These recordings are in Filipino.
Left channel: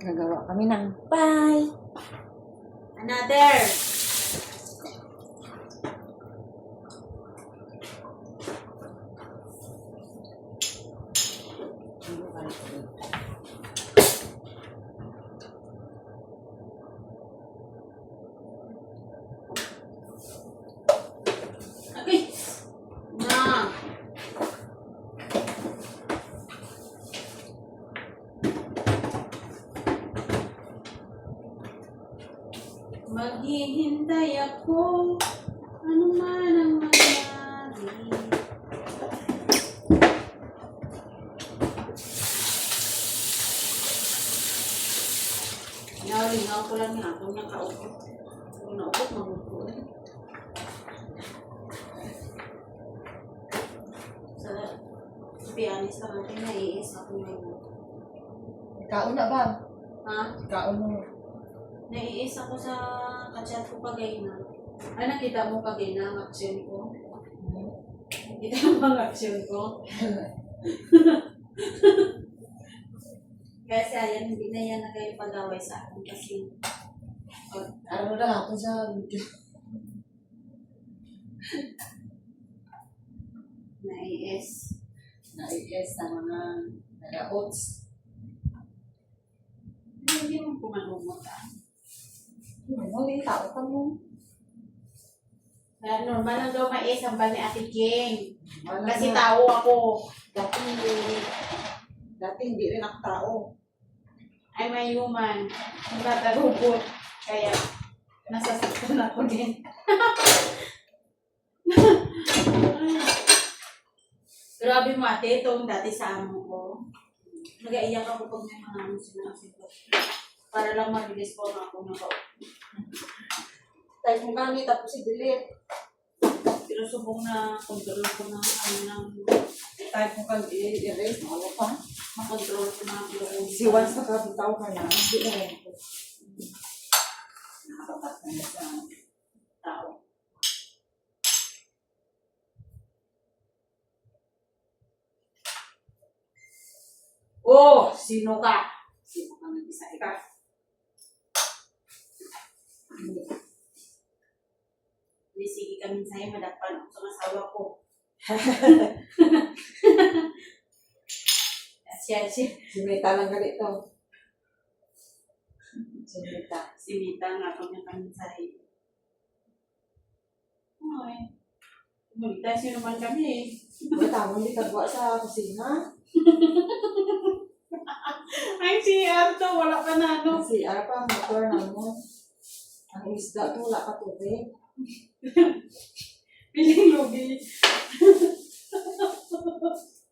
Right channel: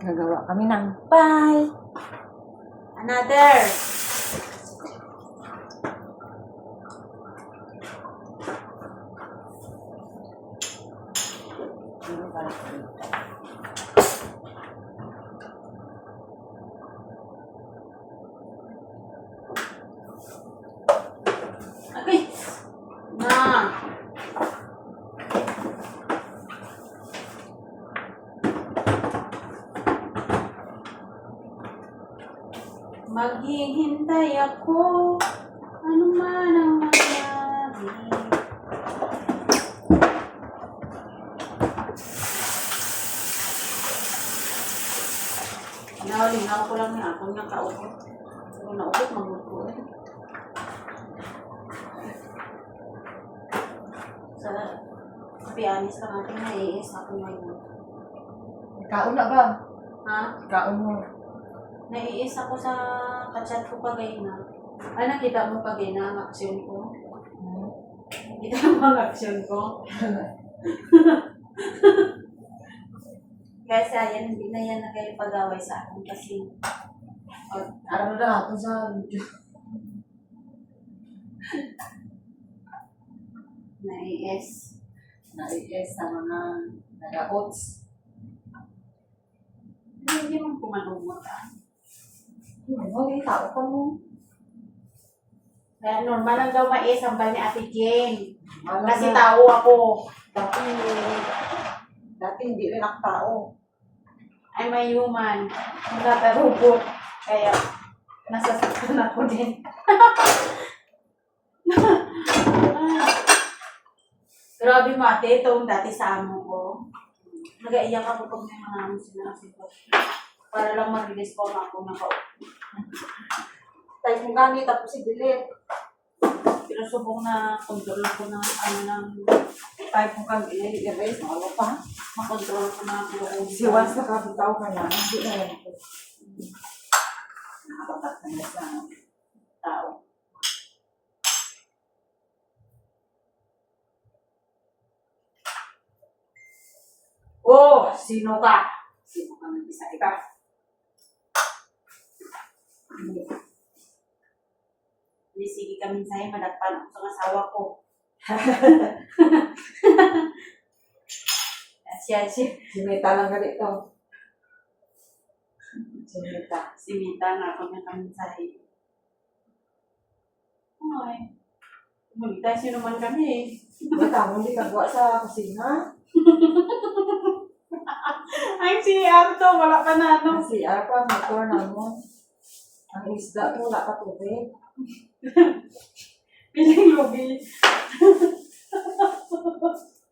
Gagawa kami ng pie. Another. Okay. Na. Maghihintay ako, ano man ang mangyari. Lingaw ko lang niya, kung nakaupot. Kung naupot, magluto. Sa pianis lang natin, naiis ako ngayon. Kaon na ba? Ha? Kaon mo. Naiis ako sa kachat ko pagay na. Ay, nakita mo pagay na ang aksyon ko? Nakita mo ang aksyon ko? Kasi ayan, hindi na yan nagpag-away sa akin kasi Ano na ako sa video. naiis. Naiis sa mga nag-oats. Hindi mo pumalumot Hindi, tao ka mo. Kaya normal lang daw mais ang bal ni Ate King. Wala Kasi na. tao ako. Dati hindi rin ako tao. I'm a human. Not a robot. Kaya nasasaktan ako din. Grabe mo ate, itong dati sa amo ko. Nag-aiyak ako pag may mga ano sinasabi ko. Para lang mag-respond ako na ko. Kahit mo ganit, tapos i-delete. Pero subong na control ko na ano ng Kahit mo kang i-erase, ano pa? makontrol ko na ako. Si once nakabitaw ka na, hindi na yan po. Nakapatat na yan sa Tao. Oh, sino ka? Sino ka nag-isa ka? Hindi, sige kami sa'yo, madagpan ako sa asawa ko. Siya. Si Meta lang ganito. Si Meta. Si Mita nga ako niya kami sa'yo. Ay, kumulita siya naman kami eh. Meta, mo hindi kagawa sa kusina. Ay, si Arto, wala pa na ano. Si Arpa, motor na mo. Ang isda ko, wala ka tubig. Piling lugi.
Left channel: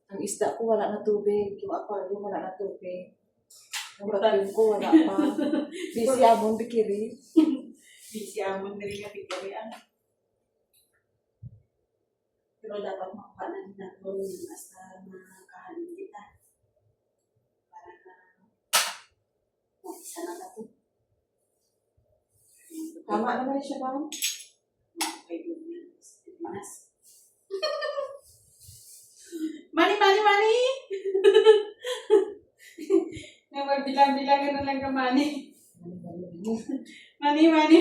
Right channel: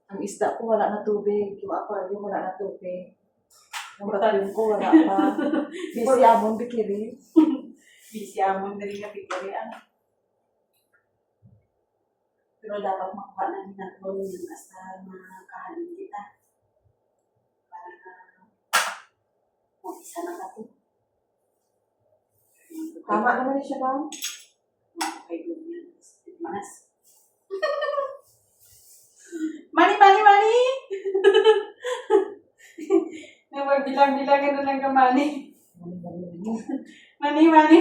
Ang isda ko, wala na tubig. Yung aquarium, wala na tubig. Yung vacuum ko, wala pa. Busy amon, bikiri. Busy amon na rin kapigarian. Pero dapat makuha na rin natin yung hasta makahalin kita. Para na mag-isa na natin. Tama naman siya ba? Okay, doon yan. Mas. Mali! Nagbilang-bilangan na lang ka, Mani. Mani.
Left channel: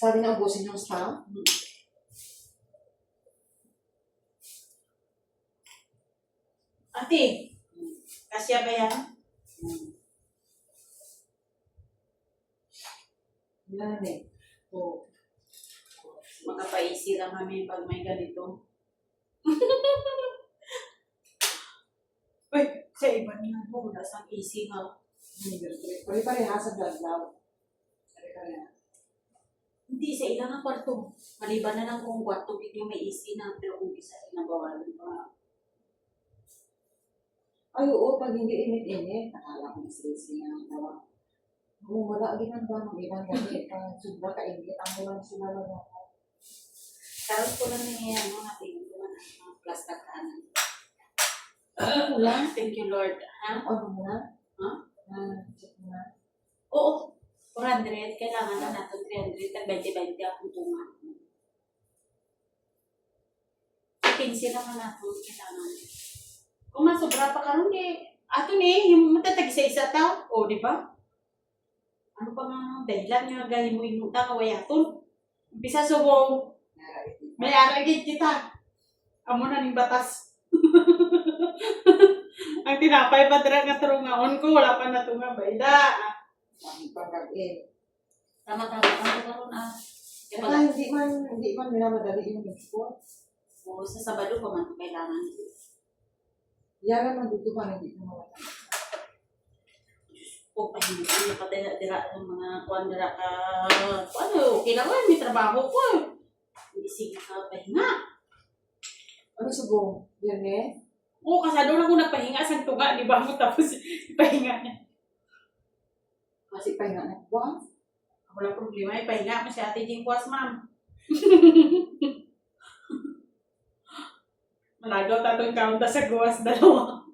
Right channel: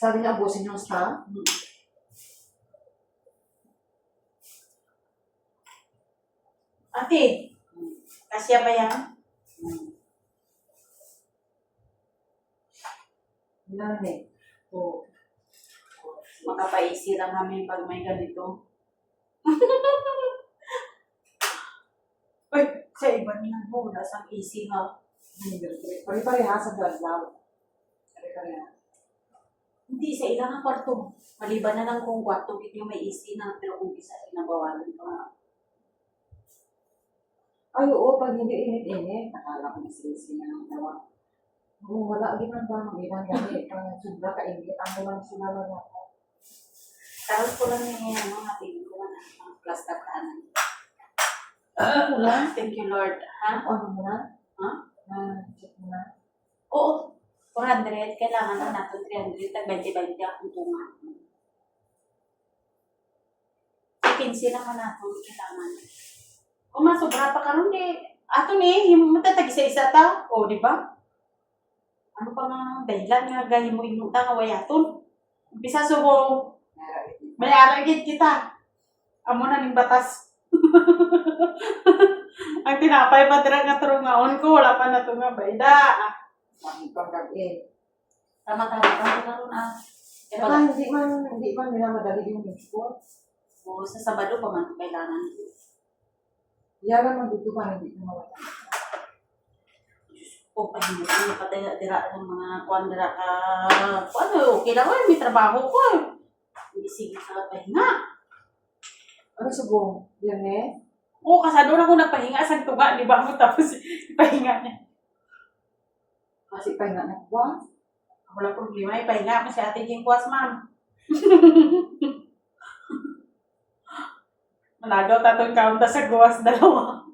Sabi niya, ubusin yung staff. Ate, kasya ba yan? Yan eh. Oo. Makapaisi lang kami pag may ganito. Uy, sa iba niya, wala sang easy nga. Pare-pareha sa blood daw. Pare-pareha. Hindi, sa ilang ang kwarto. Maliban na lang kung kwarto, hindi may easy na, pero kung isa, inabawalan ka. Ay, oo, pag hindi init-init, nakala ko masisi na ang tawa. Oo, wala din ang ba, mag-ibang gamit. Sobra ka-init, ang walang sumala na ako. Tarot ko lang yung mga tingin ko na mga plastic kanan. Wala? Thank you, Lord. Ha? Ano mo na? Ha? Check mo na. Oo. 400, kailangan na natin 300, tag 20-20 akong tunga. 15 naman natin, kailangan. Kung masobra pa ka rin, Ato ni, yung matatag isa-isa ta. O, di ba? Ano pa nga dahilan nga gahin mo inuta nga wayaton. Umpisa subong, may aragid kita. Amo na ning batas. Ang tinapay pa dira nga turungaon ko, wala pa na nga bayda. Tama-tama ang karon ah. Kaya Saka hindi man minamadali yung export. o sa Sabado pa man kailangan. Yan naman dito pa hindi ko mawala. O pahinga ko pa dira ng mga kuan dira ka. Ano, okay lang may trabaho ko. Hindi sige ka pahinga. Ano subong? Yan eh? Oo, kasado na ako nagpahinga sa tunga, di ba mo tapos pahinga na. Kasi pa nga nagwa. Wala problema, ipahinga ako si Ate Jingkwas, ma'am. Malagaw tatong kaunta sa gawas dalawa.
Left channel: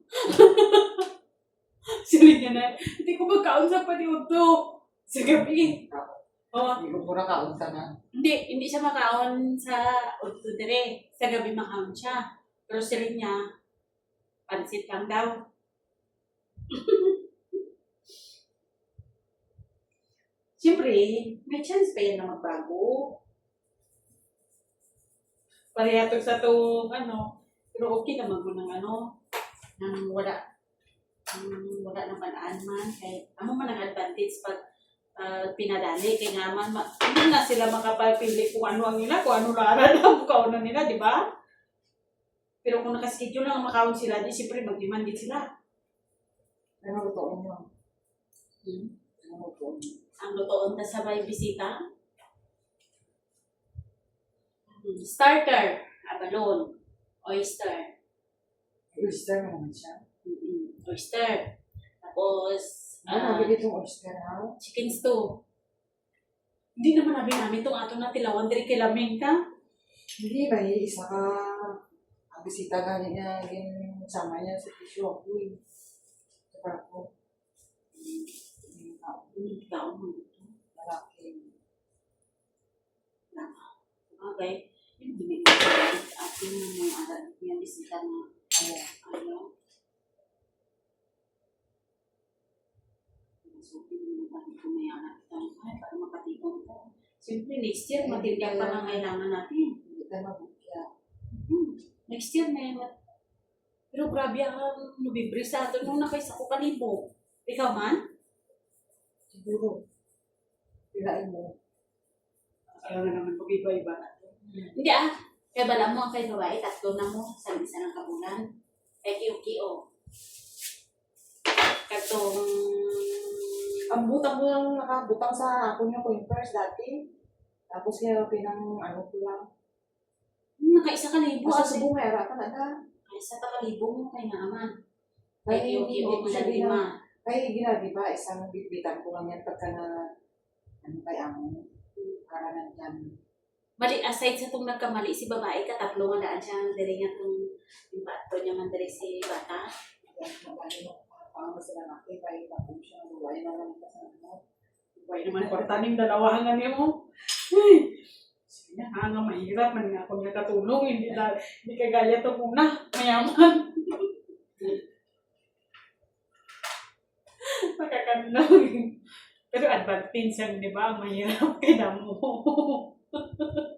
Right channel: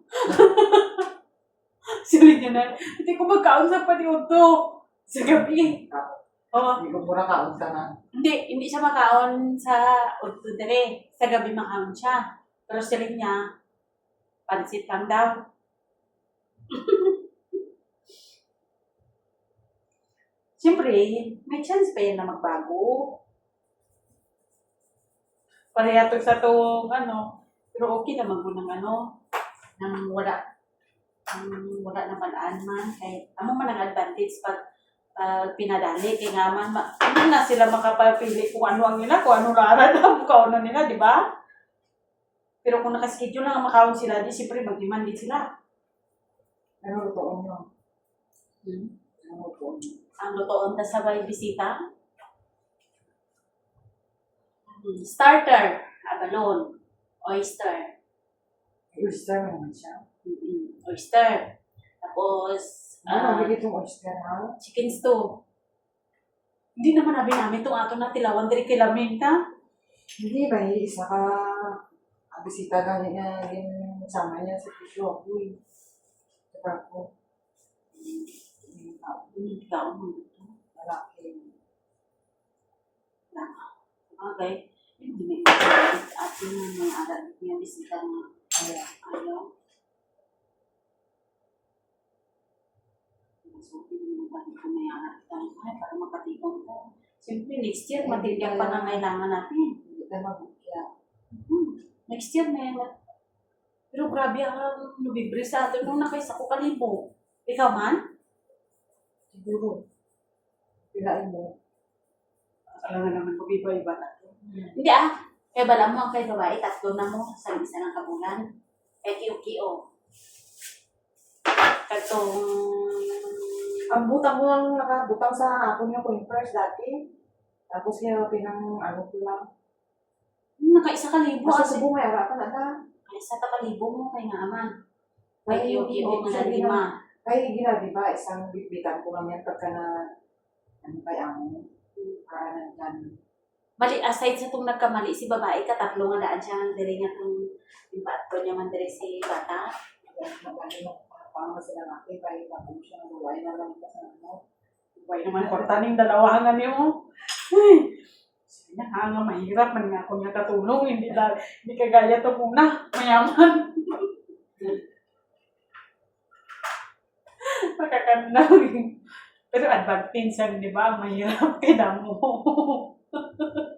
Sili niya na, hindi ko magkaon sa paniuto sa gabi. Oo. Hindi ko mura kaunta na. Hindi siya makaon sa uto dire. Sa gabi makaon siya. Pero sili niya, pansit lang daw. Siyempre, may chance pa yan na magbago. Parehatog sa itong pero okay naman po ng nang wala ng palaan man. Kahit amo man ang advantage pag pinadali. Kaya nga man, hindi na sila makapapili kung ano ang nila, kung ano rara na kaunan nila, di ba? Pero kung nakaschedule lang ang makawin sila, di siyempre mag-demand din sila. Ano lutoon nyo? Ano lutoon nyo? Ang lutoon na sabay bisita. Starter, abalone, oyster. Oyster mo naman siya. Oyster. Tapos, Ano nabigit yung oyster na? chicken stew. Hindi naman namin itong ato na tilawan diri kilamin ka. Hindi ba isa ka ang bisita ka niya yung sama niya sa tissue. Uy. Sa parko. Ikaw mo ito. Malaki. Okay. Hindi at yung mga aral yung bisita na ayaw. So, hindi mo ba kung may anak tayo para makatipon ko. Siyempre, next year, matigyan pa ng kailangan natin. Hindi tayo mag-ukya. Next year, may pero grabe ang nubibre sa atin nung nakaisa ko kalibo. Ikaw man? Siguro. Pilain mo. Alam na naman kung iba-iba na. Hindi kaya bala mo ang kay babae, tatlo na mo sa isa ng kabulan. Kaya kiyo-kiyo. Katong Ang butang mo lang nakabutang sa hapon yung pointers dati. Tapos kaya pinang ano ko lang. nakaisa kalibo. Basta subong may arapan na ta. Isa ta kalibo mo kay nga aman. Kaya Kaya kiyo-kiyo mo na lima. Kaya gina, di ba, isang bitbitan ko lang yan pagka na ano kaya mo. Para nandyan. Bali, aside sa itong nagkamali si babae, katatlo nga daan siya ng diri nga itong impato niya man diri si bata. Paano sila natin, kaya tapos siya nabuhay na lang sa ano. Buhay naman kortaning dalawa nga niyo. Uy! Sige na nga mahirap man nga kung katulong. Hindi kagaya ito muna. Mayaman. Makakandang. Pero advantage yan, di ba? Mahirap kay damo.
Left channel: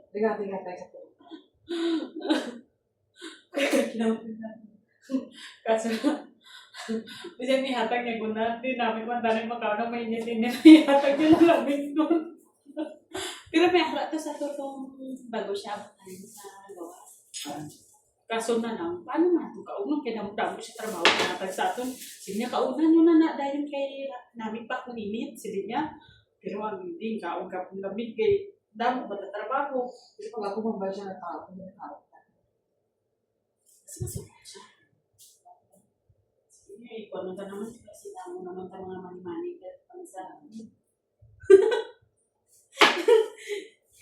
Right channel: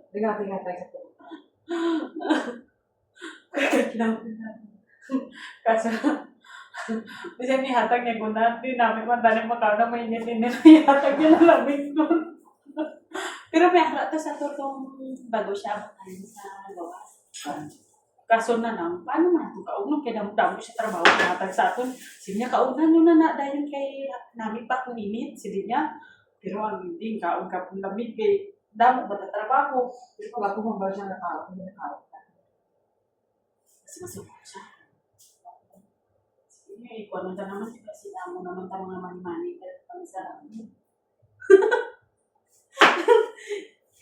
Tingnan tayo sa puto. Kaso, bisa ni hatag niya kung natin namin man dahil makaw na mainit-init na ihatag niya na lamig nun. Pero may harap to sa turkong bago siya abatan sa gawas. Kaso na lang, paano nga ito kaunong kaya damo siya trabaho ihatag sa atin. Sige niya kaunan yun na dahil kay namin pa kung init, sige niya. Pero ang hindi, kaon ka kung lamig kay damo ba na trabaho. Pero pag ako mabal siya nakao. Kasi masubok siya. Sige, ikuha na naman kasi damo naman tayo mga mani-mani pero pang sa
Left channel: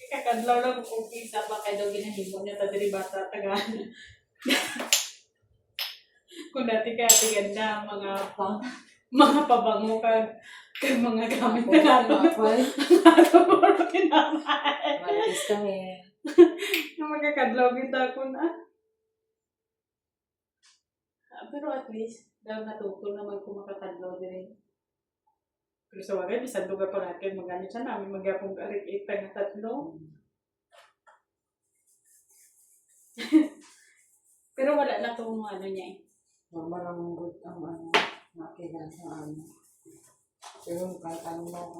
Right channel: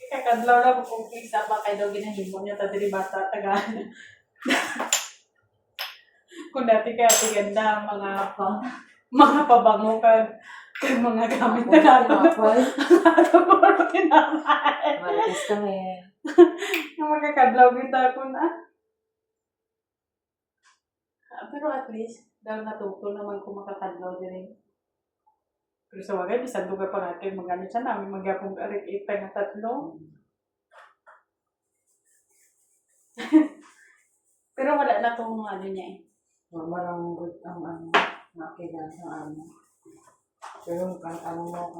kakadlaw lang kung isa pa kayo daw ginahimo niya ta diri bata tagaan. Kung dati kaya tiganda mga pabango kag mga gamit na gato. Ato mo rin kinamay. Malis kami. Magkakadlaw kita ko na. Pero at least, Dahil natuto naman kung makakadlaw din. Pero sa wagay, bisan lugar pa natin, mag-ano siya namin, magyapong arik-ipay na tatlo. Pero wala na tong ano niya eh. Normal good ang makilan sa Pero kahit ano bang,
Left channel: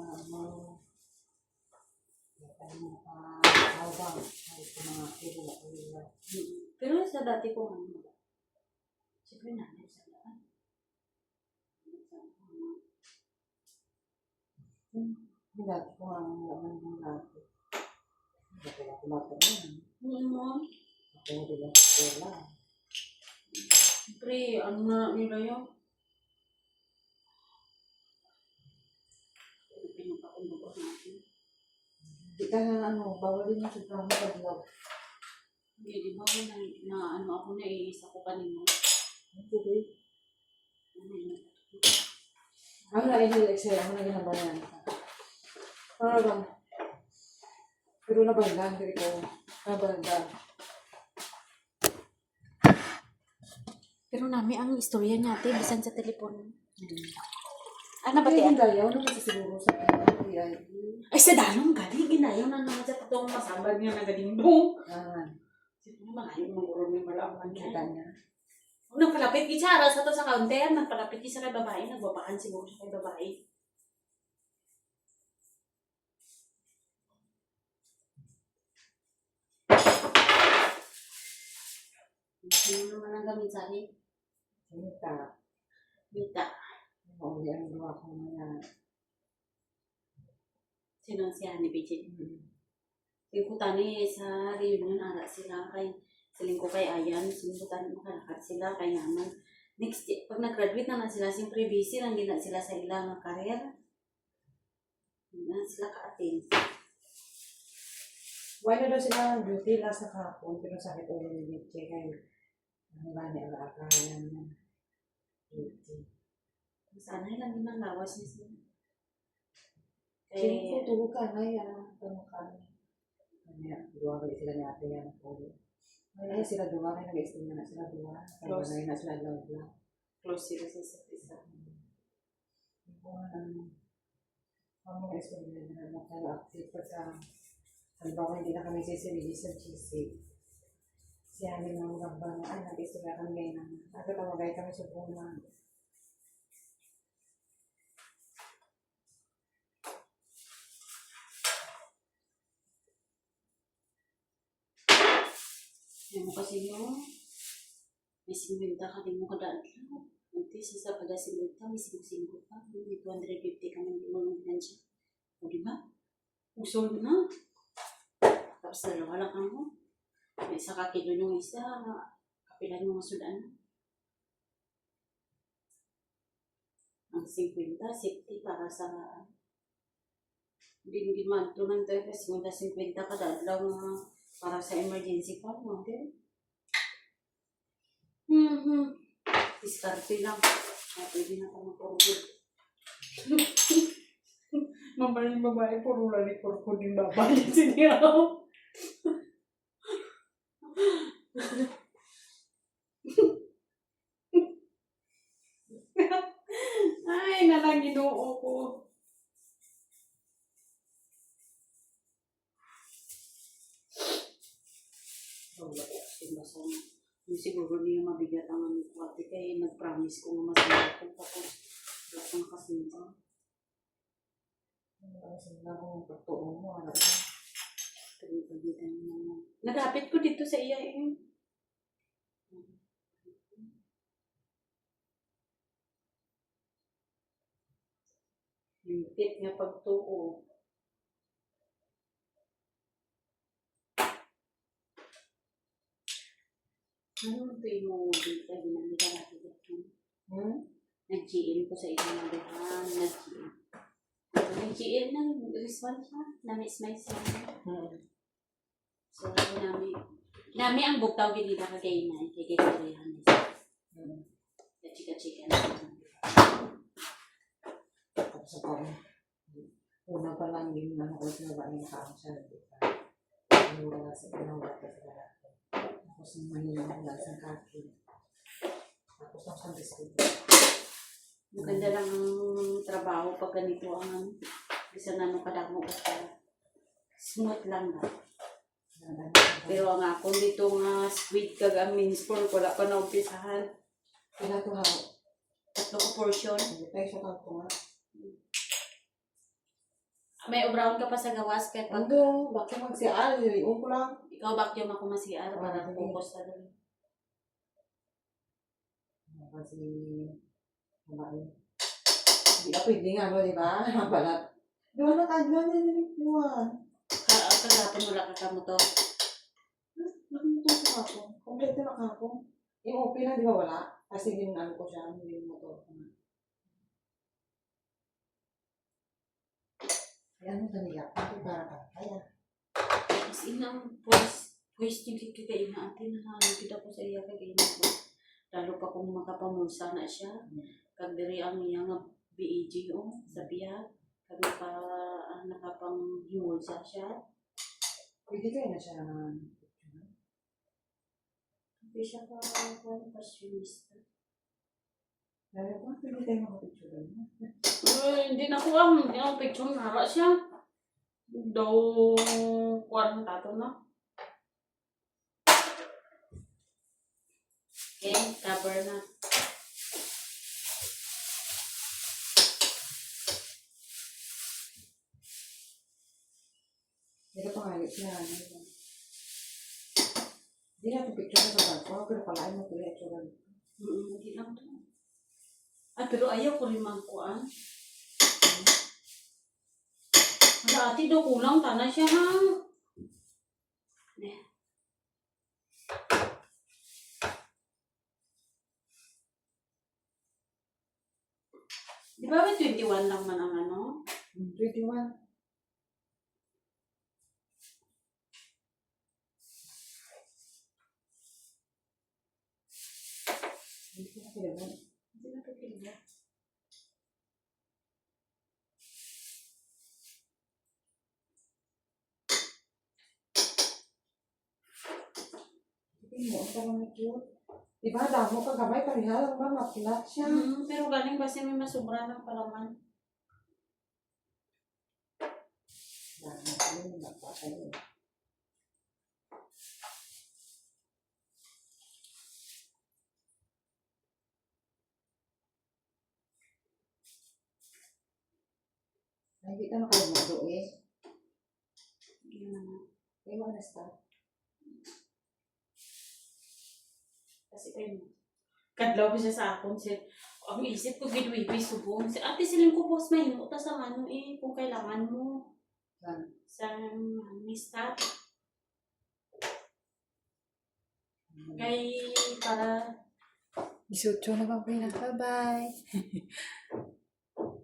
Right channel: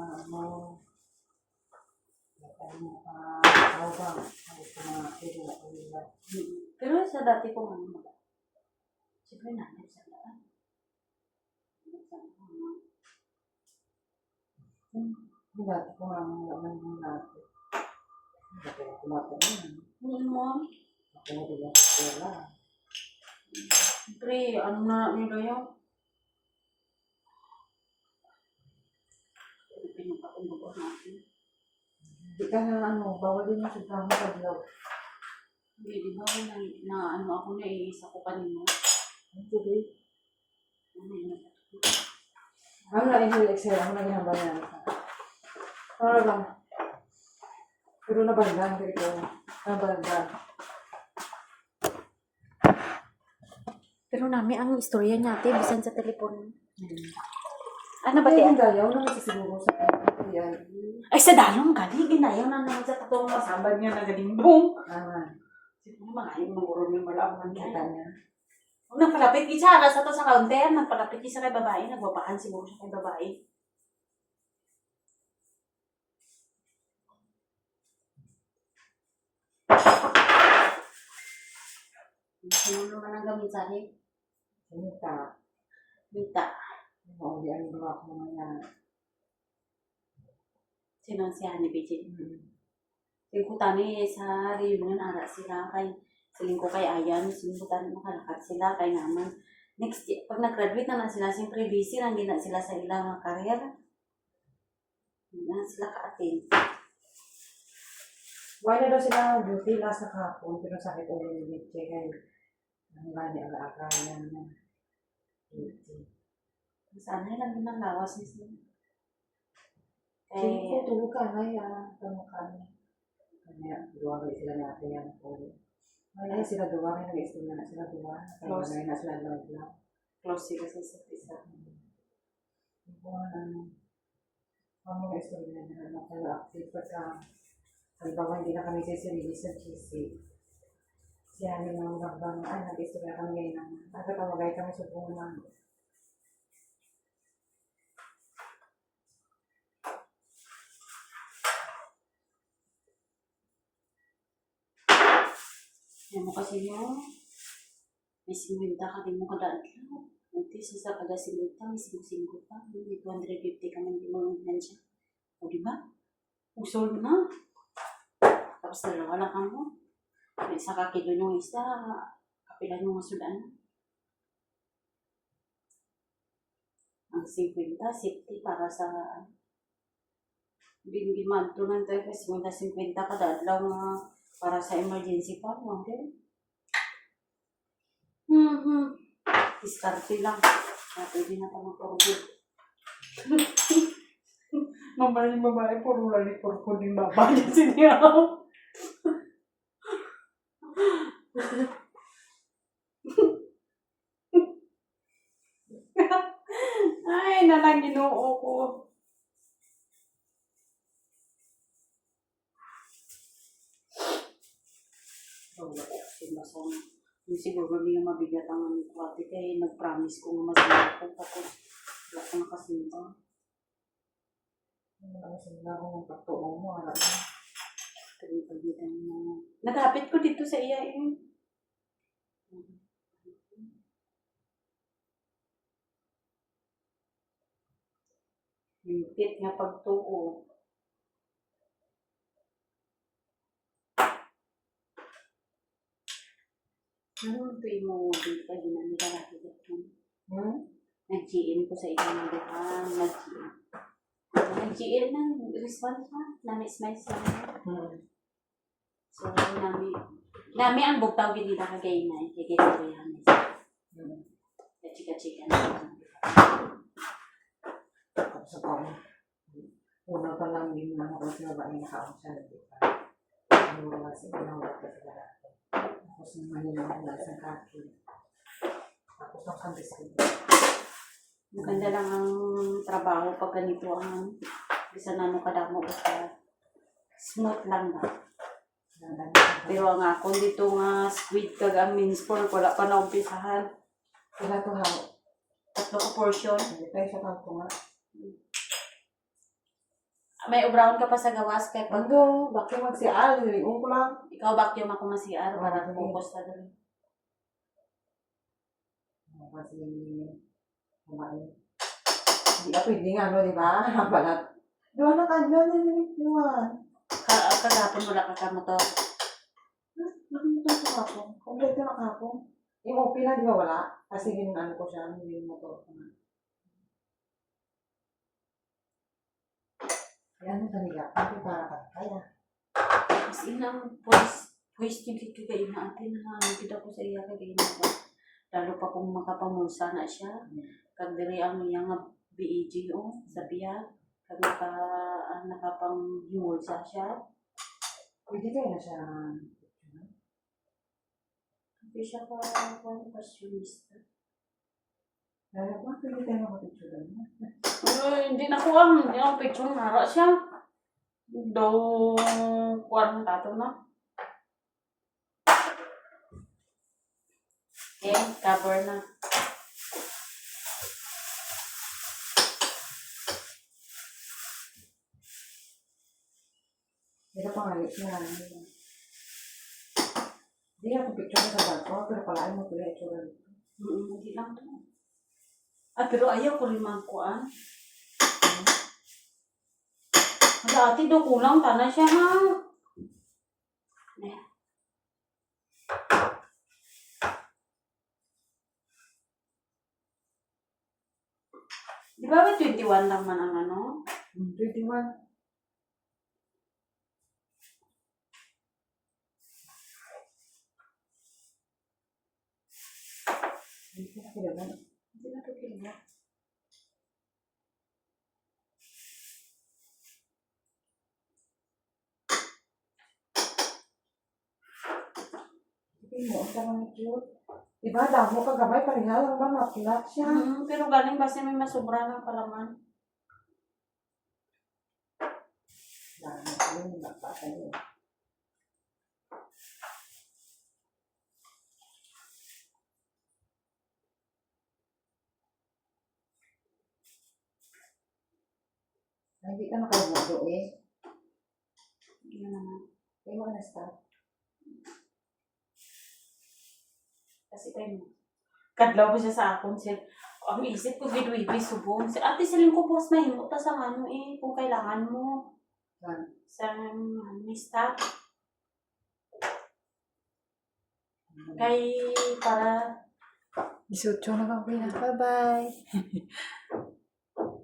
kahit mga kilo. Pero sa dati kong ano, siyempre namin sa daan. Dati ko naman ng dati. Dati ko kumatayin. Ano mo? Ako na din sa eskwela. Siyempre, ano na nila yun? Pinagpakumbagot natin. Di ka bawal din yung sobrang paglaw. Hindi, di ba na ano ako na iisa ko kanina? Ang tubig. Ano yun? Ako na inhale-exhale, ako na ginabayan. Para lang. Pero nabandan, dito. Nabandan. Pero nami ang istorya natin, bisan sa telepon. Ano ba Kaya tiyan? yung dayaw naman sa siguro sa PID. Ay, sa dalong gali, ginayaw na naman sa tatong masabag niya na galingdong. Naman. Siguro mga yung mangurong yung malaman Kita niya. niya. Nagpalapit gitsara sa to sa counter, nagpalapit gitsara kay babae, nagbabaan siguro siya kay babae. Sino naman ang gamit sa akin? Sinita. Mita. Oo, di ang gawa ko mga. Sino si Honey Pichit? Singkutani sa reunion, ara sila kay silingko kay Ayan, singkutani makalakad sila kay naman. Next, pag nag-graduate na sila, siyempre busy, hindi na sila sa ilang career. Hindi na sila ka-attend. Wala daw sila duty last na kahapon, pero sakit ulo ni Mitche kay ang gani aga-aga yan na duty. Sana lang din ang lawas niya sila. Sige ko, tulog ka na yan. Tulog ka na. Kanya, duwa ba sila natin yan po. Ay, sila duwa, kaya nag-isip na sila duwa. Kaya na sila love lang. Close sila sa isa't isa. Ang mga istorya na nakaka-active pagka halimbawa hindi na kami sisirili sa GC. Siya namin mga magabang nag-istorya kami ngayon na nagkatawagay kami sa buwan. Yan mo kasi yung may 50 ka din mo kadaan lang. Unti sa kada 50, may 50 pa. May 250 ka man din mo ng siya. O diba? Usol na. Tapos dalawa lang ka mo. May isa ka kilo yung isa. Kapilan yung masudan. Ang 50, safety para sa hindi man ito ng 50 kada lang para sa emergency pa. Okay? Diskarte lang. Pwede na pa mag-forward. Mamaya yung babae, puro lali, puro ko din babae siya. Ay, nalang ginoo ko. Yung siguro niya mabigat ang kwate kaya nag-promise ko nga masaya ko tapos wala ko nakasimba. Nakasimba ko ng pagtuong mo. Nagapit ko dito sa iya eh. Hintip nga pagtuo. Ano ito mo dito ginamit ka natin dito? Nag-GM ko sa ilang duhang. Nag-GM ng response ha. Nami-smiles lang. So, nami ang bugtaw ginita kagay na. Kaya ko yan. Chika-chika na. Tapos ako, una pa lang yung mga ko na ba ay nakaon siya. Wala sa ginawa ko sa lahat. Tapos mahina ako lang sa kaki. Tapos ng Sunday school. Maganda lang ang trabaho pag ganito ang isa na mo kadamo basta smooth lang ba. Pero ang ako dito nga squid kag ang means pork wala pa na umpisahan. Kailan to ha? 3 ka portion. Hindi tayo sa kanto nga. May ubraon ka pa sa gawas kahit pag Pando, bakit magsial? Iyon ko lang. ikaw vacuum ako masiar para Okay. focus na doon. Kasi, kumain. Hindi ka pwede nga, no, di ba? Balat. Doon na kadlan na nilipuan. Kagapon wala ka ka motor. Nakita sa kapong. Kompleto na kapong. Yung OP na, di ba wala? Kasi ano ko siya, yung motor ko na. Kaya ano talaga? Hindi para ka. Kaya. As in ang voice yung kikain na atin na kita ko sa iya kagayin ko. Lalo pa kung makapamusa na siya. Kag diri ang iyang BEG sa biya. Kag nakapang-himulsa siya. Pwede kayo na siya. Hindi siya passionista. Kaya ba, pwede tayo makapicture na. Hindi na ko hindi ako picture nara siya. Daw kuwan tato na. Okay, cover na. Hindi ka pangalit niya. Hindi na itong picture na sa bag ko, pero palaan mo tuloy ito rin. Hindi lang to. Pero ayaw ko rin magkuhan. Dati daw kulang tanan siya ha. Di ba may 21 lang man ang ano? 21. Hindi ko na kailangan. Hindi na to kilo. Hindi mo, ang sarang cute. Diba, damo ka gamay, pareha lang ba, makilat siya. Pero galing basta may masubra ng palaman. Damo, yun, nagpasa yun. Ay, hindi ka nakalimudo eh. Yun naman. Ay, mo na start. Kasi kayo kadlaw ko siya sa akon siya. Ang isip ko gidwibi subong. Si ate silin ko boss mahimo ta sa ano kung kailangan mo. Sa mista. Kay para 18 na ba? Okay na. Bye-bye.